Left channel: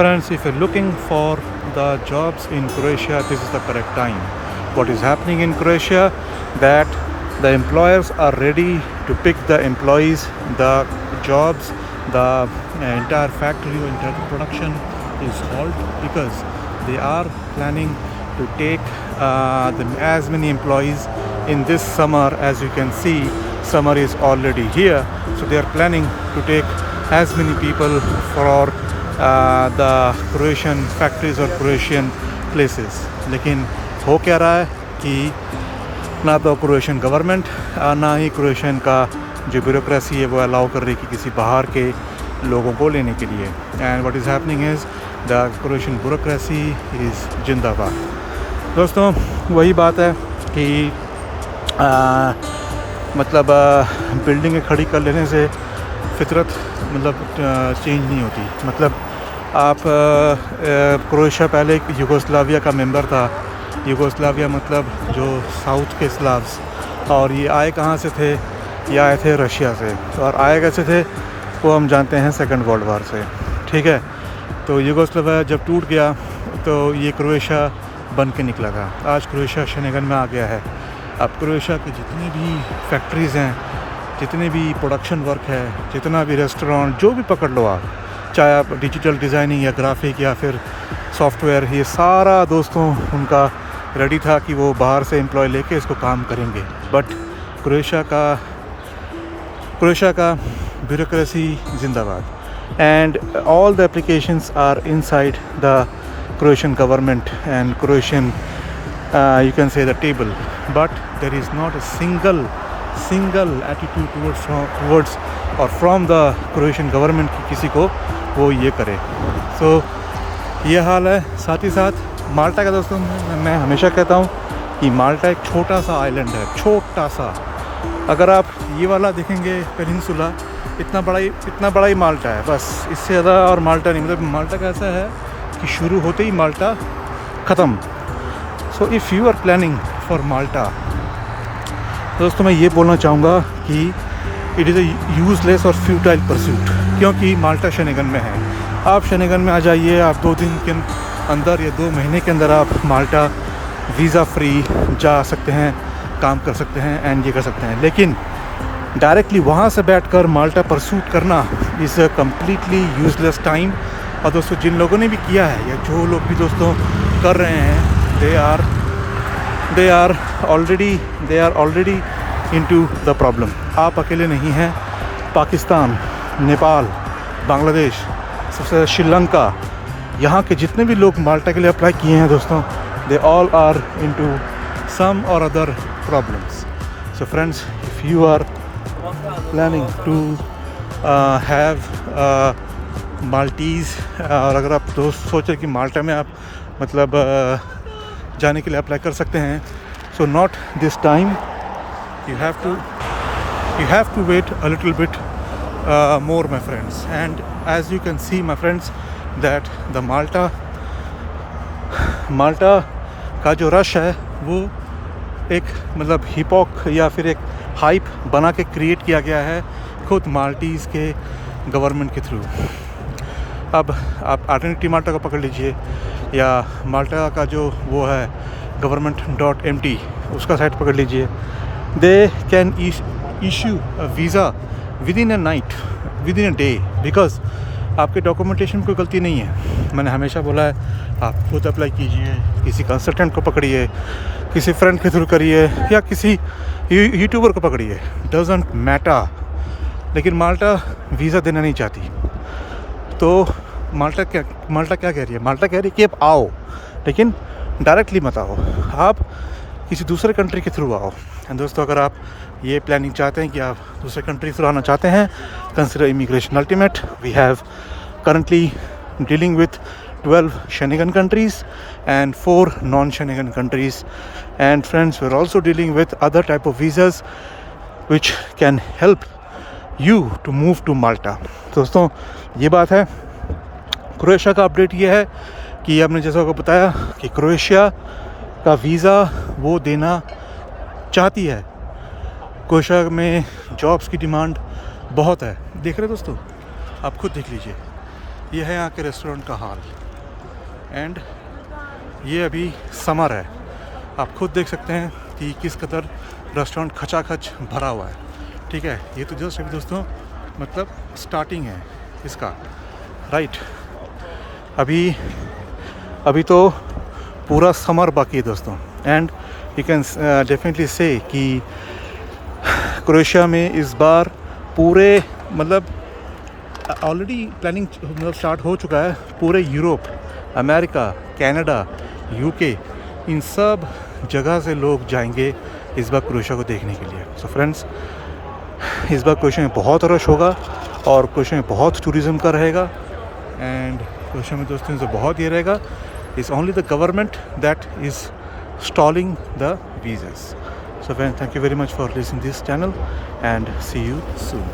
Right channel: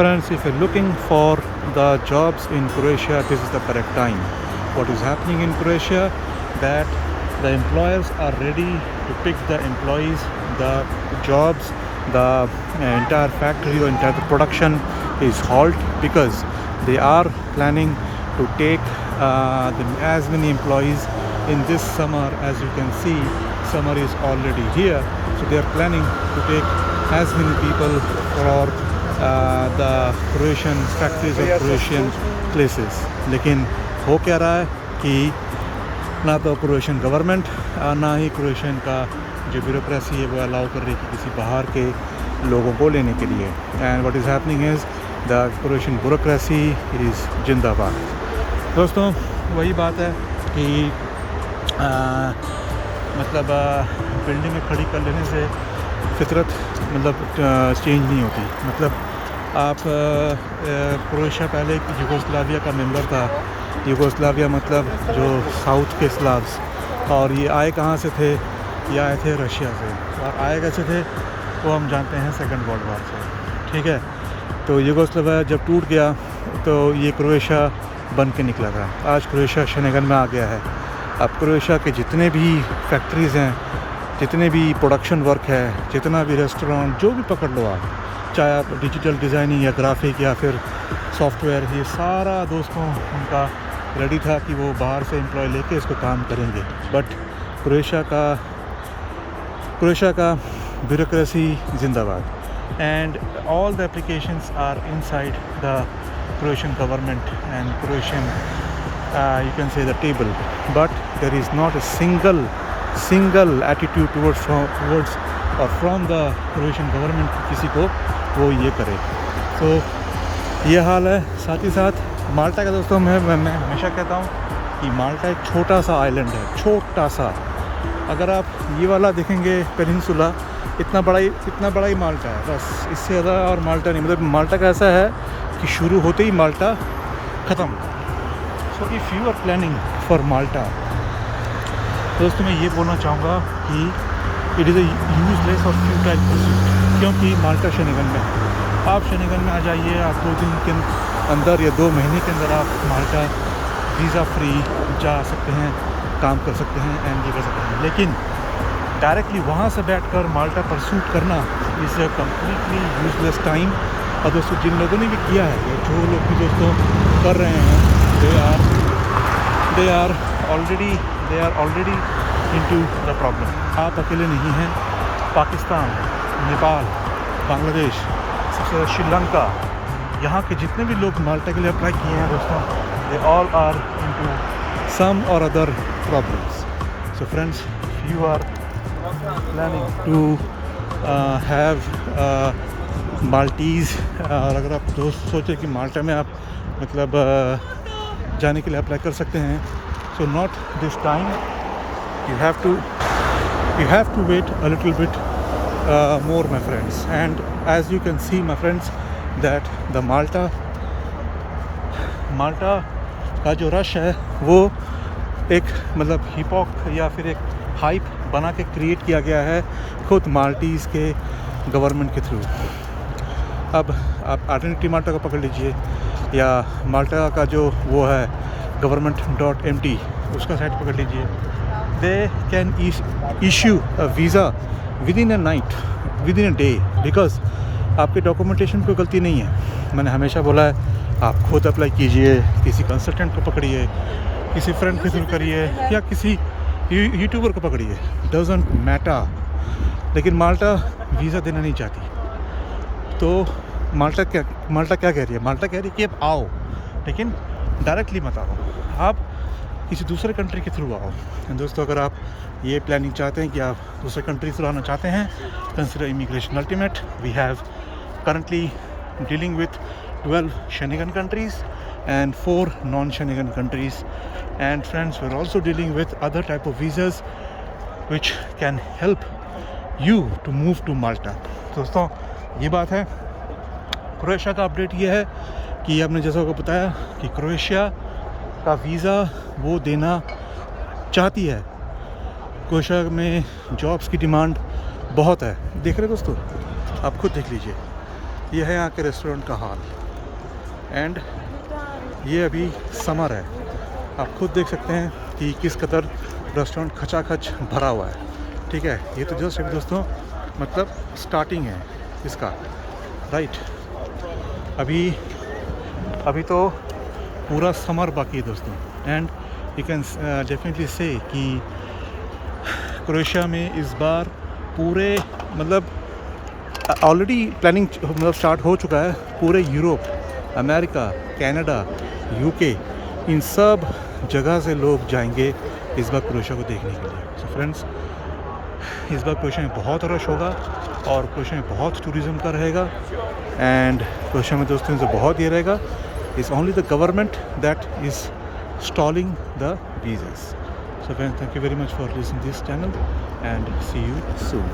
Friends, if you're looking for the jobs in Croatia, this is the correct time. What is happening in Croatia, that the employers are ready to pick the employees, the jobs, the entire factory or entire production is halt because they are planning to take as many employees in this summer. As you can see, summer is already here, so they are planning to take as many people for the Croatian factories or Croatian places. लेकिन हो क्या रहा है कि ना तो Croatian government ना ही Croatian का जो ब्यूरोक्रेसी है वो अलाउ कर रही है किसी बाहर के लोगों को लेने के लिए. And what is happening is the Croatian bureaucracy is जिंदाबाद. दोस्तों, वही बात है कि मतलब बिल्डिंगें खड़ी कर लेने से फितरत मतलब चेंज नहीं होती. मतलब आप क्रोएशिया पहले यूगोस्लाविया का मेंबर था. यूगोस्लाविया मतलब जो साउथ के स्लाव्स, और ये आए कहाँ से थे? ये आए थे रशिया से. और आए कैसे थे वो हम जानते हैं, सेकंड वर्ल्ड वार से. ठीक है, तो यूगोस्लाविया जब टूट गया तो ये क्रोएशिया बन के निकला था. आज क्रोएशिया शेंगेन में आ गया है. अब क्रोएशिया के जितने भी फैक्ट्रीज़ हैं, जितने भी प्रोडक्शन वर्क है, जितना भी रेस्टोरेंट, जो भी पकड़ लो आप, चाहे आप डिजिटल डिज़ाइनिंग या ग्राफिक या फिर सॉफ्टवेयर, ये सारा दोस्तों उनका रेडी था कि वो बाहर से एम्प्लॉय लेके इसको काम करेंगे. बट क्रोएशिया का ब्यूरोक्रेसी जिंदाबाद. And all the applications are inside the Croatian government and Croatian you can say the table, but there is not a single attitude towards or from the Croatian government कि किसी को वो ये करे. तो ये हाल है. साथ ही साथ माल्टा का दोस्तों मैं हमेशा कहता हूँ कि माल्टा एक छोटा सा आइलैंड है, छोटा सा. अगर आप ये वाला देखेंगे पेनिनसुला, इतना बड़ा ही माल्टा है, बस. इससे ज़्यादा और माल्टा नहीं. मतलब माल्टा का ऐसा है कि शुरू होते ही माल्टा ख़त्म. So if you are planning for Malta, दोस्तों मैं ये बोलना चाहूँगा कि इट इज़ अ यूज़लेस और फ्यूटाइल परस्यूट, क्योंकि माल्टा शेंगेन में है. आप शेंगेन में आ जाइए, आप 2 दिन के अंदर या 2 महीने के अंदर आप माल्टा वीज़ा फ्री जा सकते हैं, काम कर सकते हैं एंड ये कर सकते हैं. लेकिन डायरेक्टली वहाँ से बैठकर माल्टा परस्यूट करना is a completely useless time. और दोस्तों, जिन लोगों ने भी किया है या जो लोग भी दोस्तों कर रहे हैं, they are already into the problem. आप अकेले नहीं हैं. पाकिस्तान, नेपाल, बांग्लादेश, सबसे श्रीलंका, यहाँ के जितने भी लोग माल्टा के लिए अप्लाई किए हैं दोस्तों, they all are into some और other problems. So friends, if you are planning to have Maltese, और अगर आप दोस्त सोचें कि माल्टा में आप मतलब जाने के लिए अप्लाई कर सकते हैं, so not this time. You have to wait a little bit more, my friends. And as you can see, my friends, that the Malta का जो रश है वो एक मतलब हिपॉक या फिर एक हाइप बना के क्रिएट किया गया है खुद माल्टीज़ के गवर्नमेंट के थ्रू. अब आप आइडेंटिटी माल्टा को पकड़ लीजिए या माल्टा का जो वो है government.mt, उसका साइट पकड़ लीजिए. They can issue a visa within a night, within a day, because आपके डॉक्यूमेंटेशन में कोई गलती नहीं है. मैंने हमेशा बोला है, आप खुद अप्लाई कीजिए, किसी कंसल्टेंट को पकड़िए, किसी फ्रेंड के थ्रू करिए या किसी यूट्यूबर को पकड़िए, डजंट मैटर. लेकिन माल्टा वीज़ा देना नहीं चाहती. तो माल्टा क्या कह रही है? माल्टा कह रही है कि आप आओ, लेकिन डायरेक्टली मत आओ, आप किसी दूसरे कंट्री के थ्रू आओ. एंड दोस्तों, अगर आप ये प्लानिंग चाहते हैं कि आप दूसरे कंट्री थ्रू आना चाहते हैं, consider immigration ultimate. We have currently dealing with 12 Schengen countries and 4 non-Schengen countries. And friends, we're also dealing with other type of visas which can help you to move to Malta. दोस्तों, ये बात है. Croatia का update ये है कि आपने जैसा को बताया कि क्रोएशिया का वीज़ा वो देना चाहती है. क्रोएशिया में जॉब्स की डिमांड बहुत है. देख रहे दोस्तों, आप खुद देख लीजिए. ये है यहाँ के रेस्टोरेंट का हाल। एंड ये अभी समर है, आप खुद देख सकते हैं कि किस कदर रेस्टोरेंट खचाखच भरा हुआ है। ठीक है, ये तो जस्ट अभी दोस्तों मतलब स्टार्टिंग है इसका, राइट। अभी तो पूरा समर बाकी है दोस्तों। एंड यू कैन डेफिनेटली से कि क्रोएशिया में इस बार पूरे मतलब ऑलरेडी प्लानिंग मतलब स्टार्ट हो चुका है। पूरे यूरोप, अमेरिका, कनाडा, यूके, इन सब जगह से लोग जाएंगे इस बार क्रोएशिया को देखने के लिए। सो फ्रेंड्स, इस बार क्रोएशिया में बहुत रश होगा और क्रोएशिया में बहुत टूरिज़्म का रहेगा। एंड क्रोएशिया में दोस्तों से बहुत ये रहेगा, it's only the government that is stalling the visas. So friends, thank you very much for listening to this channel and see you soon.